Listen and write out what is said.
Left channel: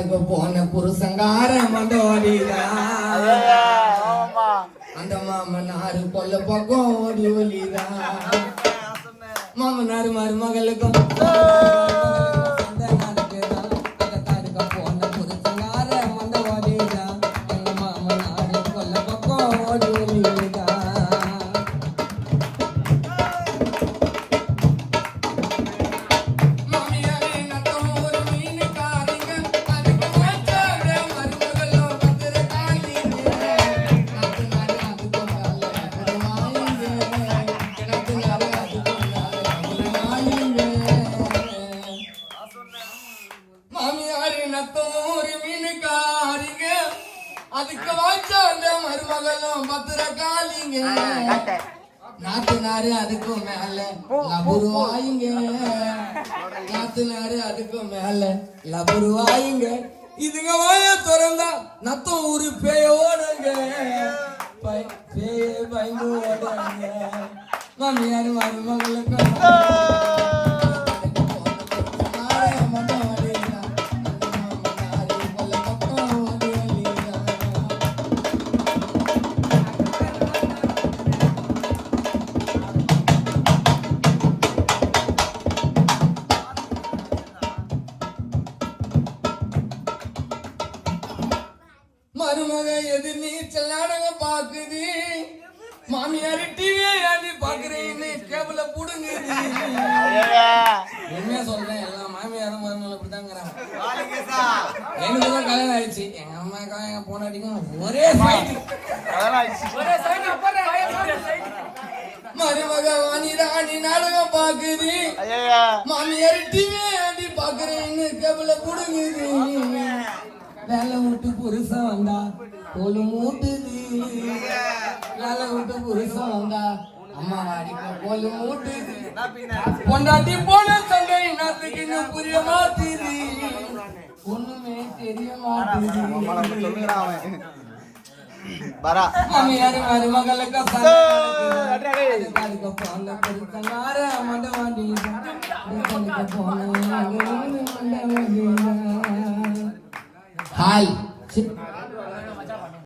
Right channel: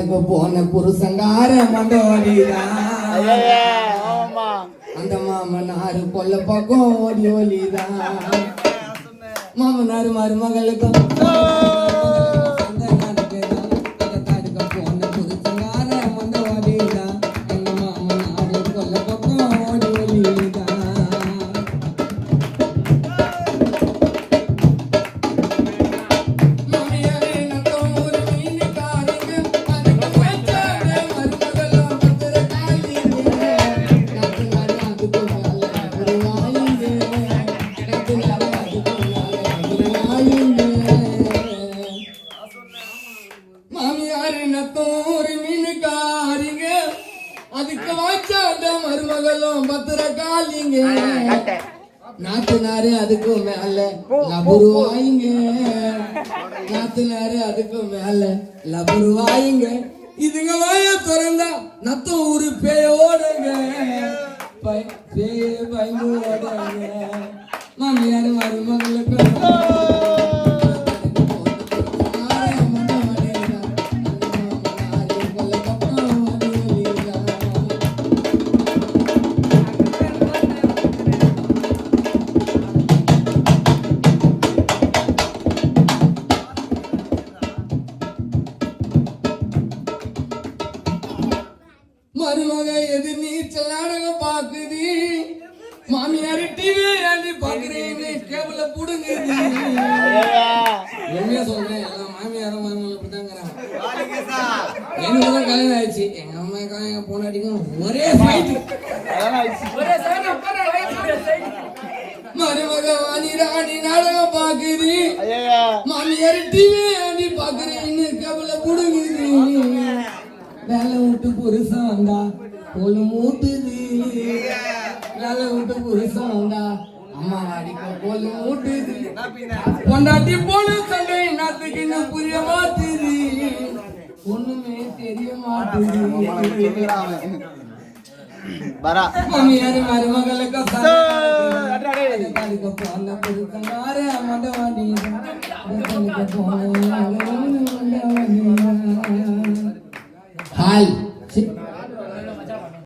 காடுக்கு போன புருஷங்கார மண்டோடிதான் அந்த மாமனாரு கொல்ல பக்கம் ஓடி ஓடிதான் மாமனாரு மருமகளுக்கும் அதுக்கு வாச்சாண்ட மருமகளும் பத்திர காலிங்க நாத்துனாரு அதுக்கும் மேல லபுருவாயிங்க நாத்துனாரு அதுக்கும் மேல லபுருவாயிங்க இதுங்க வாய திறந்தா நத்தம் ஊரு பேயோடுங்க பேய பயந்து ஓடுங்க மாமியாரு மருமகளுக்கு மருமக எது நீச்சல் நாடகம் பாக்குது மாமியாரு டிவி ஏண்டி பாக்குறீன்னு கேபிள புடுங்குது என்ன சொல்றேன் எல்லாம் மாமியாரும் மருமகள் அப்படிதாங்கிறாங்க எனக்குதான் கல்யாணம் ஆயிடுச்சு எங்க அம்மாக்கா எங்க பொண்ணாடிக்கும் ஒரே ஃபைட் மருமக வாணி ராணி நாடகம் பாக்குது மாமியாரு டிவி ஏண்டி பாக்குறீன்னு கேபிள புடுங்குது வேலை விட்டு புருஷன் வந்தா பொண்ணு மூட்டுது வேலை விட்டு புருஷன் வந்தா அம்மா அடிக்க பொண்ணு மூட்டுது பொண்டாட்டி போன சண்டை நாத்துக்கு இன்னும் புரிய மாட்டுது ஒண்ணுமே தெரிய மாட்டுது மாமியாரு மருமகளுக்கு போன